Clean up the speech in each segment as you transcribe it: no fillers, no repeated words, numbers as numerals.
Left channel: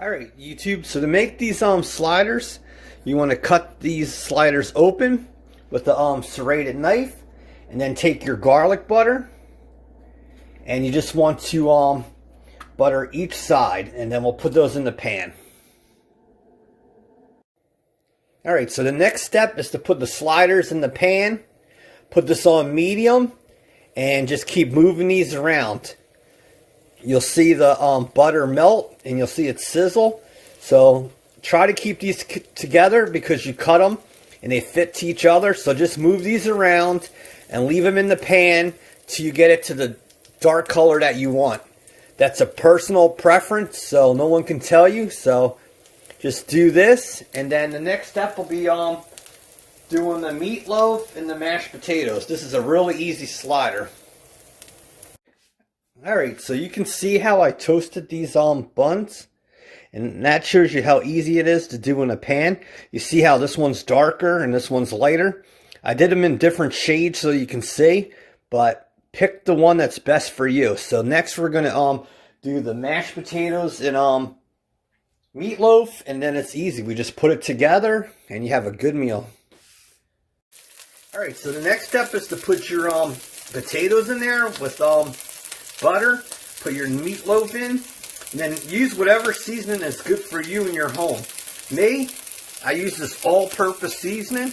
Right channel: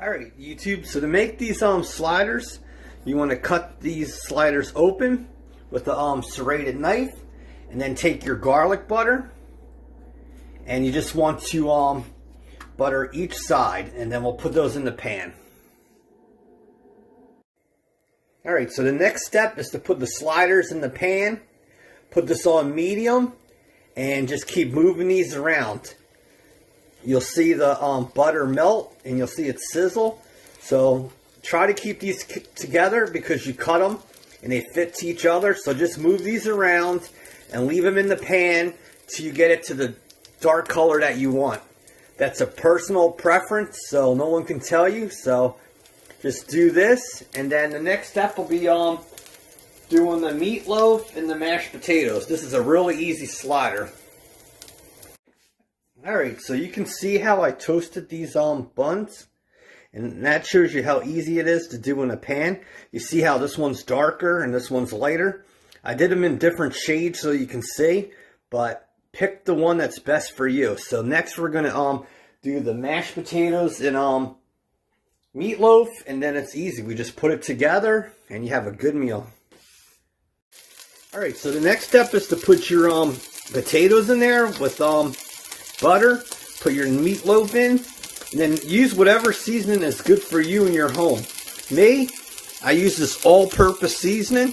Alright, YouTube, so to make these sliders, you want to cut these sliders open with the serrated knife, and then take your garlic butter, and you just want to butter each side, and then we'll put those in the pan. Alright, so the next step is to put the sliders in the pan, put this on medium, and just keep moving these around. You'll see the butter melt, and you'll see it sizzle. So try to keep these together because you cut them and they fit to each other. So just move these around and leave them in the pan till you get it to the dark color that you want. That's a personal preference, so no one can tell you. So just do this, and then the next step will be doing the meatloaf and the mashed potatoes. This is a really easy slider. Alright, so you can see how I toasted these buns, and that shows you how easy it is to do in a pan. You see how this one's darker and this one's lighter. I did them in different shades so you can see, but pick the one that's best for you. So next we're going to do the mashed potatoes and meatloaf, and then it's easy. We just put it together and you have a good meal. Alright, so the next step is to put your potatoes in there with butter. Put your meatloaf in, and then use whatever seasoning is good for you in your home. Me, I use this all-purpose seasoning,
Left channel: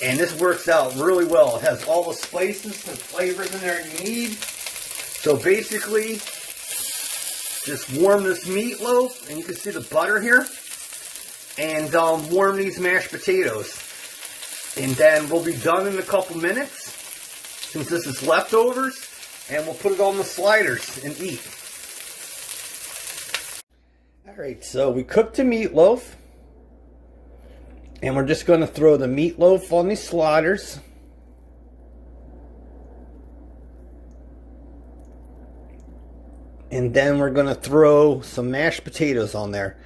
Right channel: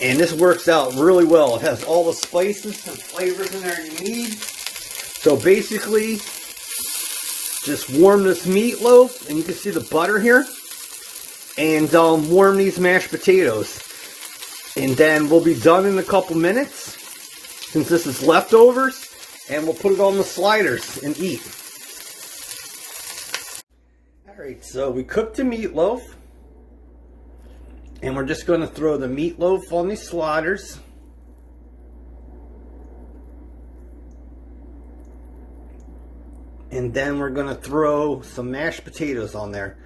and this works out really well. It has all the spices and flavors in there you need. So basically, just warm this meatloaf, and you can see the butter here, and warm these mashed potatoes. And then we'll be done in a couple minutes, since this is leftovers, and we'll put it on the sliders and eat. Alright, so we cooked the meatloaf, and we're just going to throw the meatloaf on these sliders. And then we're going to throw some mashed potatoes on there.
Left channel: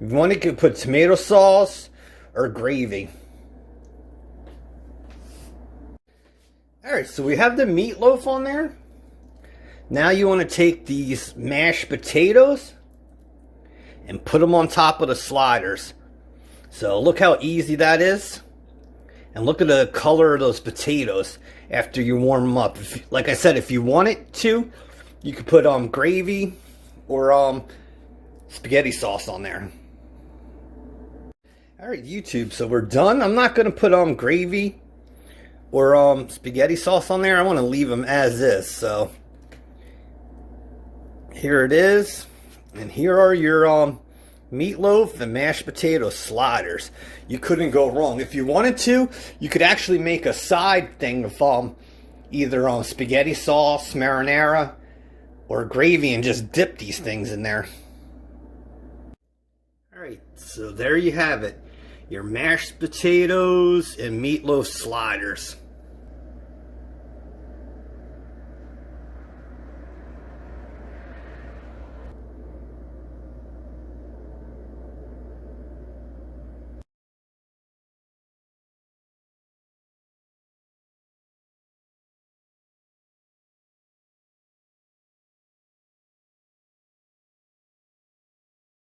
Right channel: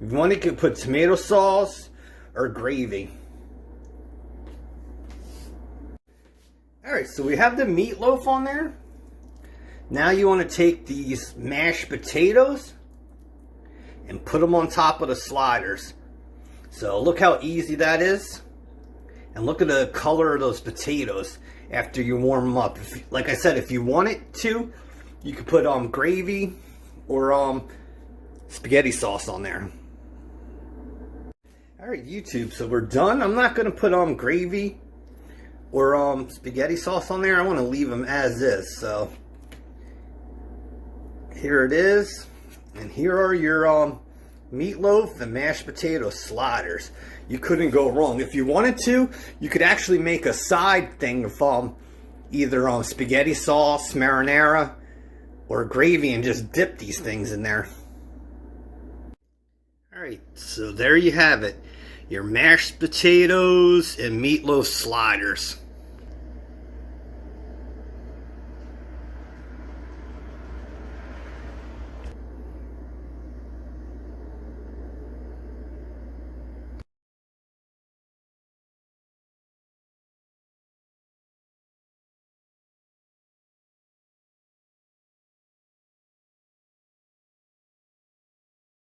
If you want, you can put tomato sauce or gravy. Alright, so we have the meatloaf on there. Now you want to take these mashed potatoes and put them on top of the sliders. So look how easy that is. And look at the color of those potatoes after you warm them up. Like I said, if you wanted to, you could put gravy or spaghetti sauce on there. Alright, YouTube, so we're done. I'm not going to put gravy or spaghetti sauce on there. I want to leave them as is. So here it is, and here are your meatloaf and mashed potato sliders. You couldn't go wrong. If you wanted to, you could actually make a side thing of either spaghetti sauce, marinara, or gravy, and just dip these things in there. Alright, so there you have it. Your mashed potatoes and meatloaf sliders.